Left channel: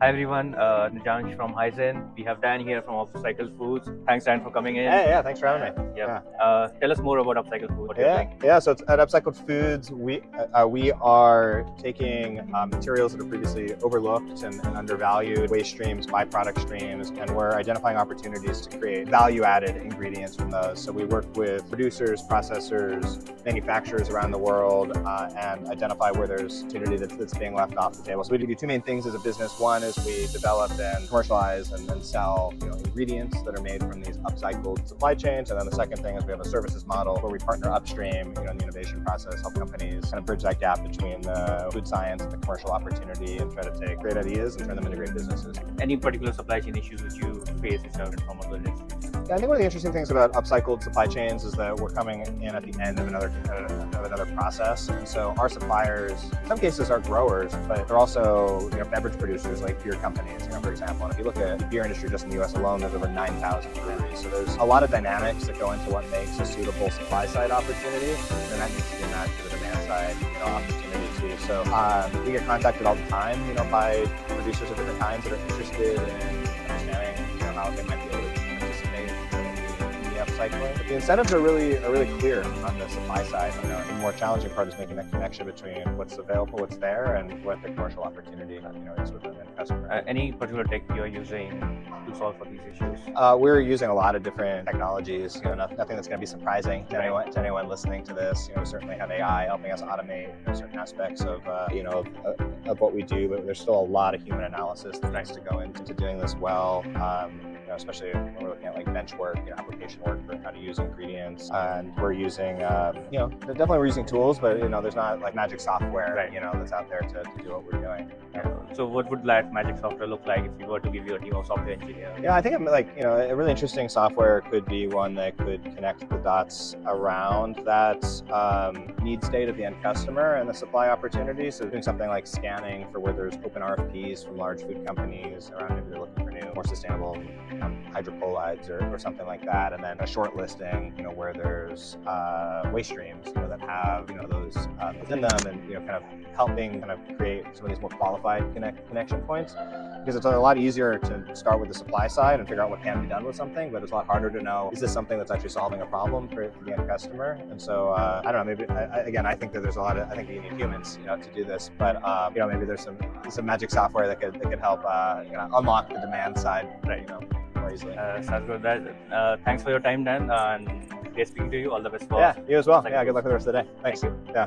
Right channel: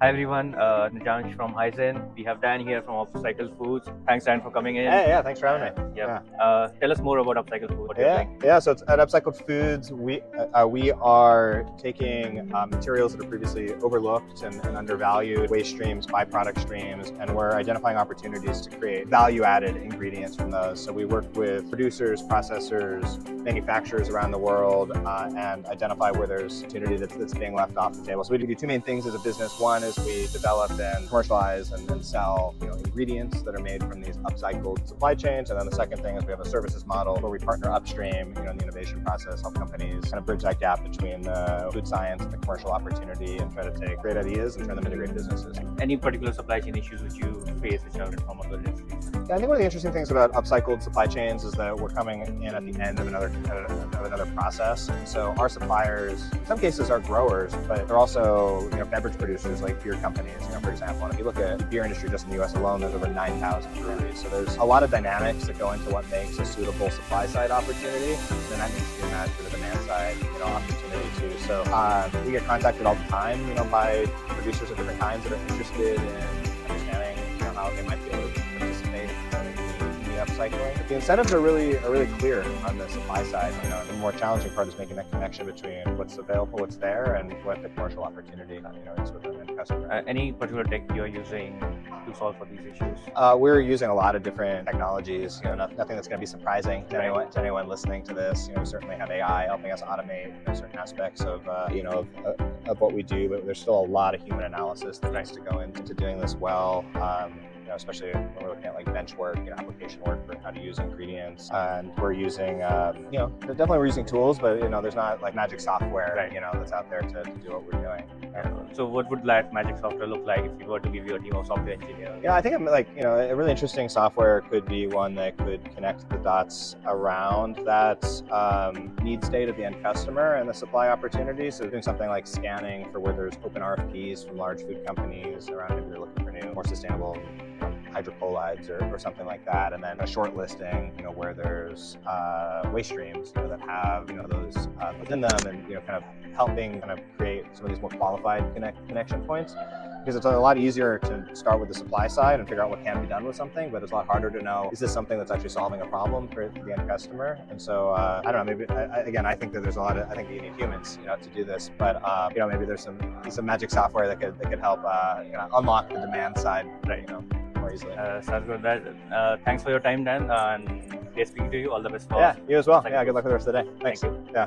Hi everyone, Nijansh from Heizen. We have Dan here from Upcycled Foods. Thanks Dan for coming in. Yeah, thanks for having me. Yeah. Tell us more about Upcycled Foods. What you're doing. So it's at Upcycled Foods, we are taking materials that are previously overlooked and undervalued, waste streams, byproduct streams, and we're identifying opportunities to create value-added ingredients from those. So we work with producers, processors, manufacturers around the world, and identify where there's opportunity that's being left off the table. So we do two main things as a business. One is we develop and commercialize and then sell ingredients that are made from these upcycled supply chains. And then the second thing is we have a services model where we partner upstream in the innovation process, help companies kind of bridge that gap between the food science and the commercial opportunity and try to take great ideas and turn them into great businesses. Any particular supply chain issues which you face which are from other days? I think one of the interesting things about upcycled supply chains is that we're coming in at the end of another process. So our suppliers, in some cases, are growers, but they're also beverage producers like beer companies. For example, if you look at the beer industry just in the US alone, there's over 9,000 breweries. So there's a lot of dynamics that go into what makes a suitable supply side opportunity. And that needs to be about the demand side opportunity too. So we get contacted all the time, by producers of different kinds that are interested in understanding how they might be able to participate in the upcycling. The incentives are really clear on the supply side. The more challenging part is making that connection between what's available, what's there, and what the commercial opportunity is with the end customer. Any particular tech you're using to solve for these issues? We're using a lot of different technologies. Nothing that's going to be surprising to anyone listening to this. We certainly have AI helping us automate certain aspects of what we do, but there's still a lot of human analysis that needs to go into doing this well. Especially when we're looking at bench work, application work, how to use ingredients, and we're using, definitely we're using tools, but there's not magic software, that's out there to do what we're doing. So what would that magic software look like if you were to give you a team of software engineers? Yeah, I think a really interesting software could be one that could connect the dots around that need state of the end customer and the supply opportunities. So doing something like scanning for where there's open RFPs from large food companies around if they're looking for new, more sustainable hydrocolloids or something like that, and then a short listing, where there's waste streams, that have those within them, and kind of helping create some of these more qualified connection points. Because it's a lot easier to start with the supply side and figure out what can be done with something, but it's a lot harder to know, is this something that's actually solving a problem for the end customer? And so I don't know, maybe I think that there's a lot of, I think you need humans to do this, but maybe there's some magic software that could help unlock the demand side more easily. Sounds good. Thanks for your time, Dan, and great speaking to you. All the best for you as well. Good luck with the rest of the day. Thanks. Thank you. Yeah.